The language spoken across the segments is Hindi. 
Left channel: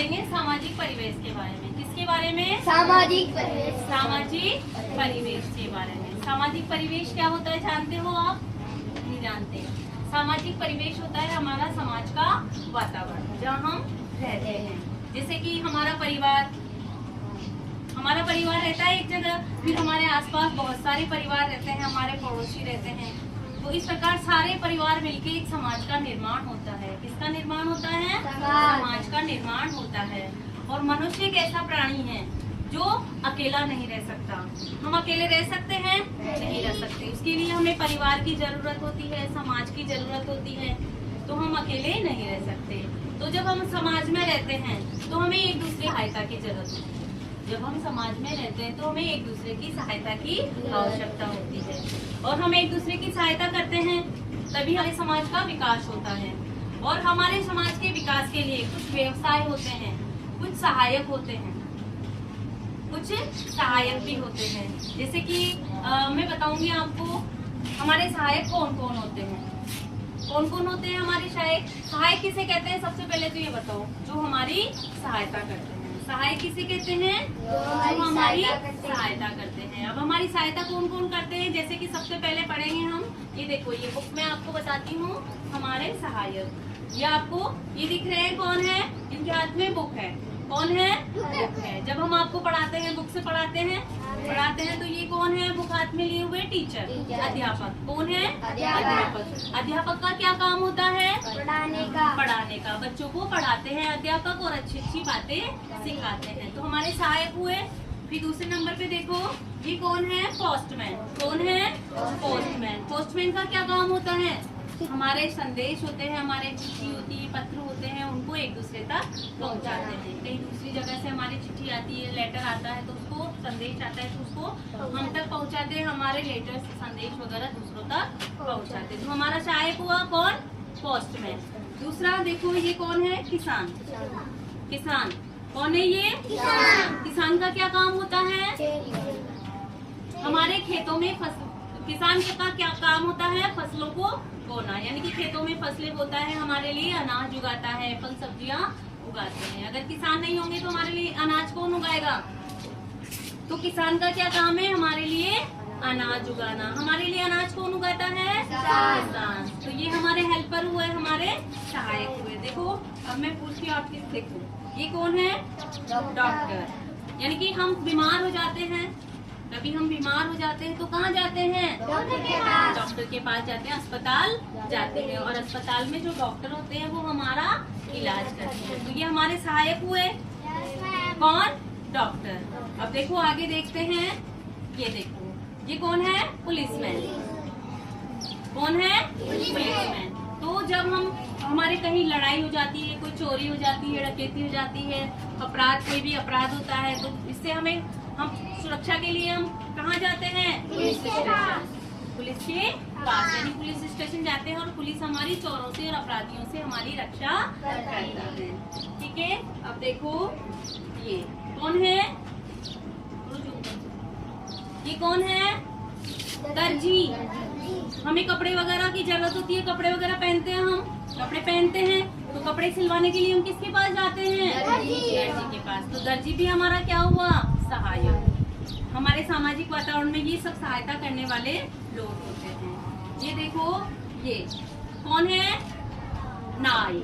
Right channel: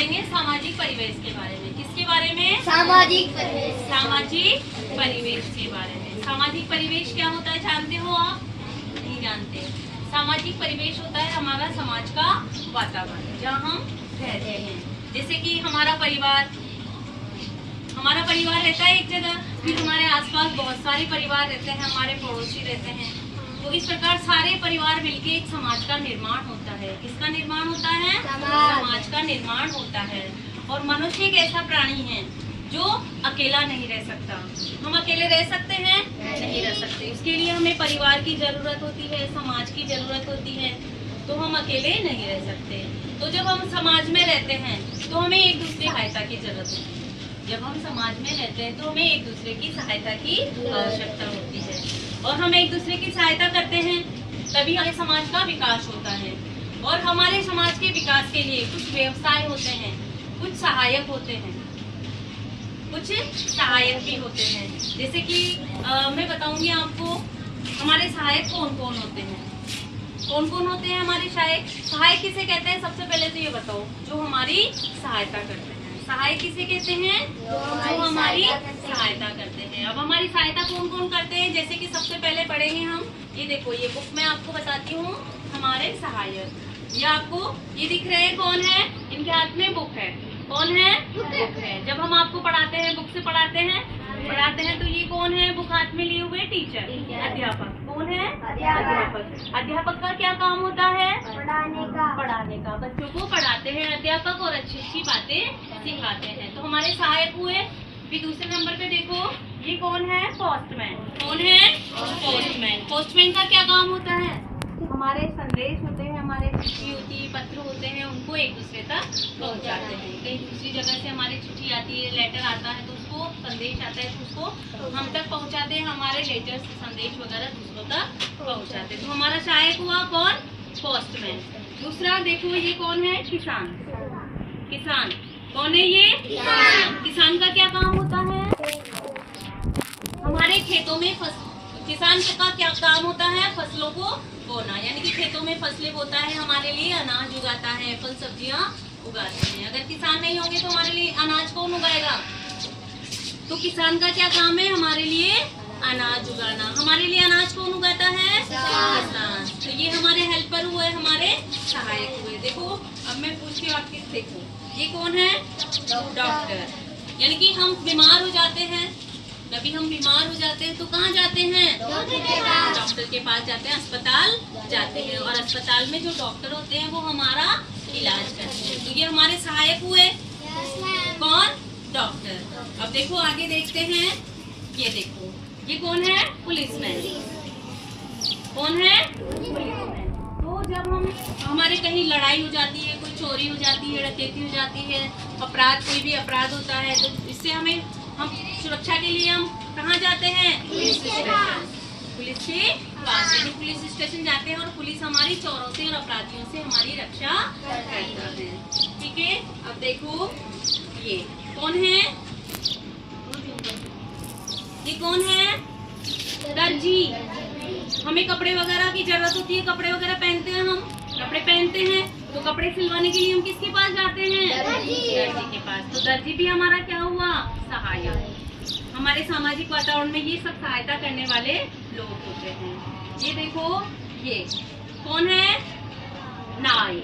पढ़ेंगे सामाजिक परिवेश के बारे में। किसके बारे में? सामाजिक परिवेश। सामाजिक परिवेश के बारे में। सामाजिक परिवेश क्या होता है जानते हो आप? नहीं जानते। सामाजिक परिवेश होता है हमारा समाज का वातावरण जहाँ हम रहते हैं। जैसे कि हमारा परिवार रहता है एक जगह, फिर हमारे आसपास बहुत सारे परिवार रहते हैं, हमारे पड़ोसी रहते हैं। तो इस प्रकार सारे परिवार मिलके एक समाज का निर्माण होता है। किसका निर्माण होता है? समाज का निर्माण होता है। और मनुष्य एक ऐसा प्राणी है जो अकेला नहीं रह सकता। हम अकेले रह सकते हैं? नहीं रह सकते। उसके लिए हमें परिवार की जरूरत होती है, समाज की जरूरत होती है। तो हम अकेले नहीं रह सकते। तो जब हम समाज में रहते हैं तो हमें एक दूसरे की सहायता की जरूरत होती है। जब हम समाज में रहते हैं तो हमें एक दूसरे की सहायता की आवश्यकता होती है। और हम एक दूसरे की सहायता करते हैं तभी हमारे समाज का विकास होता है। और हमारे समाज के विकास के लिए कुछ व्यवसाय होते हैं, कुछ सहायक होते हैं, कुछ सहायक भी होते हैं। जैसे कि मैं बताऊंगी आपको हमारे सहायक कौन कौन होते हैं। कौन कौन होते हैं हमारे सहायक? सहायक किसे कहते हैं? सबसे पहले तो ये बताओ, जो हमारी सहायता करते हैं। सहायक किसे कहते हैं? जो हमारी सहायता करते हैं। अब हमारी सहायता कौन कौन करते हैं? जैसे कि सबसे पहले पढ़ेंगे हम, ये देखो ये बुक मैं आपको बताती हूँ। हमारे सहायक ये आपको ये दिख रहे हैं कौन है? इनके हाथ में बुक है। कौन है? बुक है। जब हम आपको पढ़ाते हैं, बुक से पढ़ाते हैं तो ये कौन है? बुक हाथ में लिए हुए टीचर, अध्यापक। कौन है? अध्यापक। अध्यापक का क्या काम होता है? पढ़ाने का। बच्चों को पढ़ाते हैं अध्यापक और अच्छी अच्छी बातें सिखाते हैं। तो हमारे सहायक हुए। फिर दूसरे नंबर पे देखो ये कौन है? पोस्टमैन। कौन है? पोस्टमैन। पोस्टमैन का क्या काम होता है? हमारे संदेश होते हैं, हमारे चिट्ठी होती है, पत्र होते हैं, उनको एक दूसरे तक पहुंचाते हैं। कहीं दूसरी जगह से हमारी चिट्ठी आती है, लेटर आता है तो उसको संदेश आता है तो उसको हम तक पहुंचाते हैं। हमारे लेटर संदेश वगैरह दूसरों तक पहुंचाते हैं। तो हमारा सहायक हुआ कौन? पोस्टमैन। दूसरा देखो ये कौन है? किसान। किसान कौन है? ये किसान का क्या काम होता है? हमारे खेतों में किसान का क्या काम होता है? फसलों को बोना, यानी कि खेतों में फसलें बोता है, हमारे लिए अनाज उगाता है, फल सब्जियां उगाते हैं। अगर किसान नहीं होंगे तो हमारे लिए अनाज कौन उगाएगा? तो किसान का क्या काम है? हमारे लिए अनाज उगाना। हमारे लिए अनाज कौन उगाता है? किसान। तो ये हमारे हेल्पर हुए, हमारे सहायक हुए। देखो अब मैं पूछती हूँ आपके, देखो ये कौन है? डॉक्टर। यानी कि हम बीमार हो जाते हैं, कभी हम बीमार हो जाते हैं तो कहाँ जाते हैं? डॉक्टर के पास जाते हैं, अस्पताल जाते हैं। और अस्पताल में जो डॉक्टर होते हैं वो हमारा इलाज करते हैं। तो ये हमारे सहायक हुए। कौन? डॉक्टर। अब देखो आगे देखते हैं, ये देखो ये कौन है? पुलिसमैन। कौन है? पुलिसमैन। तो जब हमारे कहीं लड़ाई हो जाती है, कोई चोरी हो जाती है, डकैती हो जाती है, अपराध कोई भी अपराध होता है तो इससे हम सुरक्षा के लिए हम कहाँ जाते हैं? Police station. पुलिस के पास, यानी पुलिस स्टेशन जाते हैं और पुलिस हमारी चोरों से और अपराधियों से हमारी रक्षा करता है। ठीक है। अब देखो ये कौन है? ये कौन है? दर्जी। हमें कपड़े वगैरह की जरूरत होती है, कपड़े वगैरह पहनते हैं, हम कपड़े पहनते हैं तो कपड़े सिलवाने के लिए हम किसके पास जाते हैं? दर्जी के पास। तो दर्जी भी हमारा क्या हुआ? सहायक। हमारे सामाजिक वातावरण में ये सब सहायता करने वाले लोग होते हैं। ये देखो ये कौन है? नाई।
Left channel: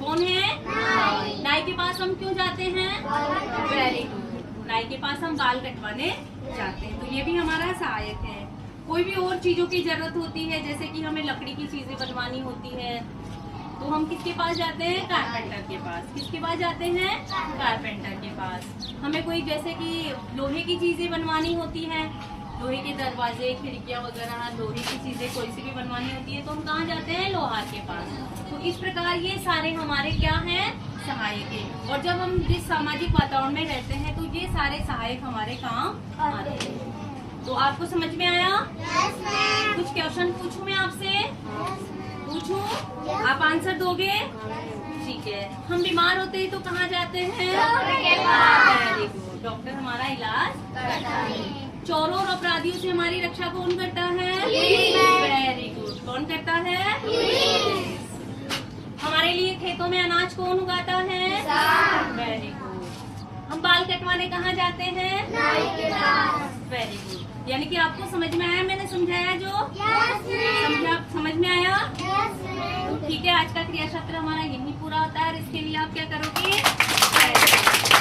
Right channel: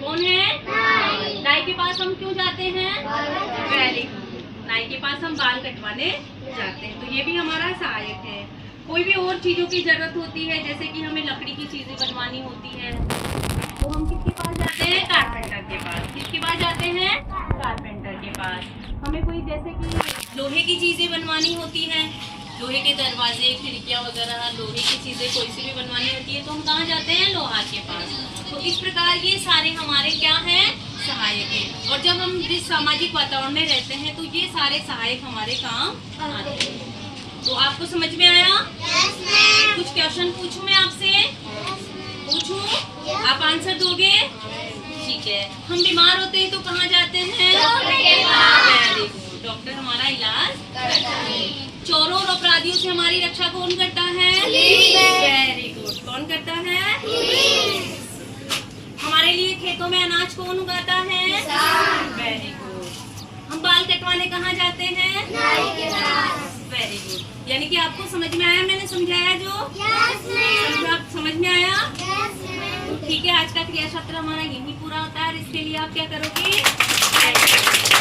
कौन है? नाई के पास हम क्यों जाते हैं? Very good. नाई के पास हम बाल कटवाने जाते हैं। तो ये भी हमारा सहायक है। कोई भी और चीजों की जरूरत होती है, जैसे कि हमें लकड़ी की चीजें बनवानी होती है तो हम किसके पास जाते हैं? कारपेंटर के पास। किसके पास जाते हैं? कारपेंटर के पास। हमें कोई जैसे कि लोहे की चीजें बनवानी होती हैं, लोहे के दरवाजे, खिड़कियां वगैरह, लोहे की चीजें कोई सी भी बनवानी होती है तो हम कहाँ जाते हैं? लोहार के पास। तो इस प्रकार ये सारे हमारे क्या हैं? सहायक है। और जब हम जिस सामाजिक वातावरण में रहते हैं तो ये सारे सहायक हमारे काम आते हैं। तो आपको समझ में आया? कुछ क्वेश्चन पूछूं मैं आपसे? पूछूं? आप आंसर दोगे? ठीक है। हम बीमार होते हैं तो कहाँ जाते हैं? Very good. डॉक्टर हमारा इलाज करता है। चोरों और अपराधियों से हमारी रक्षा कौन करता है? Very good. कौन करता है? हमारे लिए खेतों में अनाज कौन उगाता है? करवाने कहाँ जाते हैं? Very good. यानी कि आपको समझ में आया मैंने समझाया जो? समझ में आया? ठीक है, आज का क्रिया क्षेत्र हमारा यही पूरा होता है। और इसके लिए आप क्या करोगे?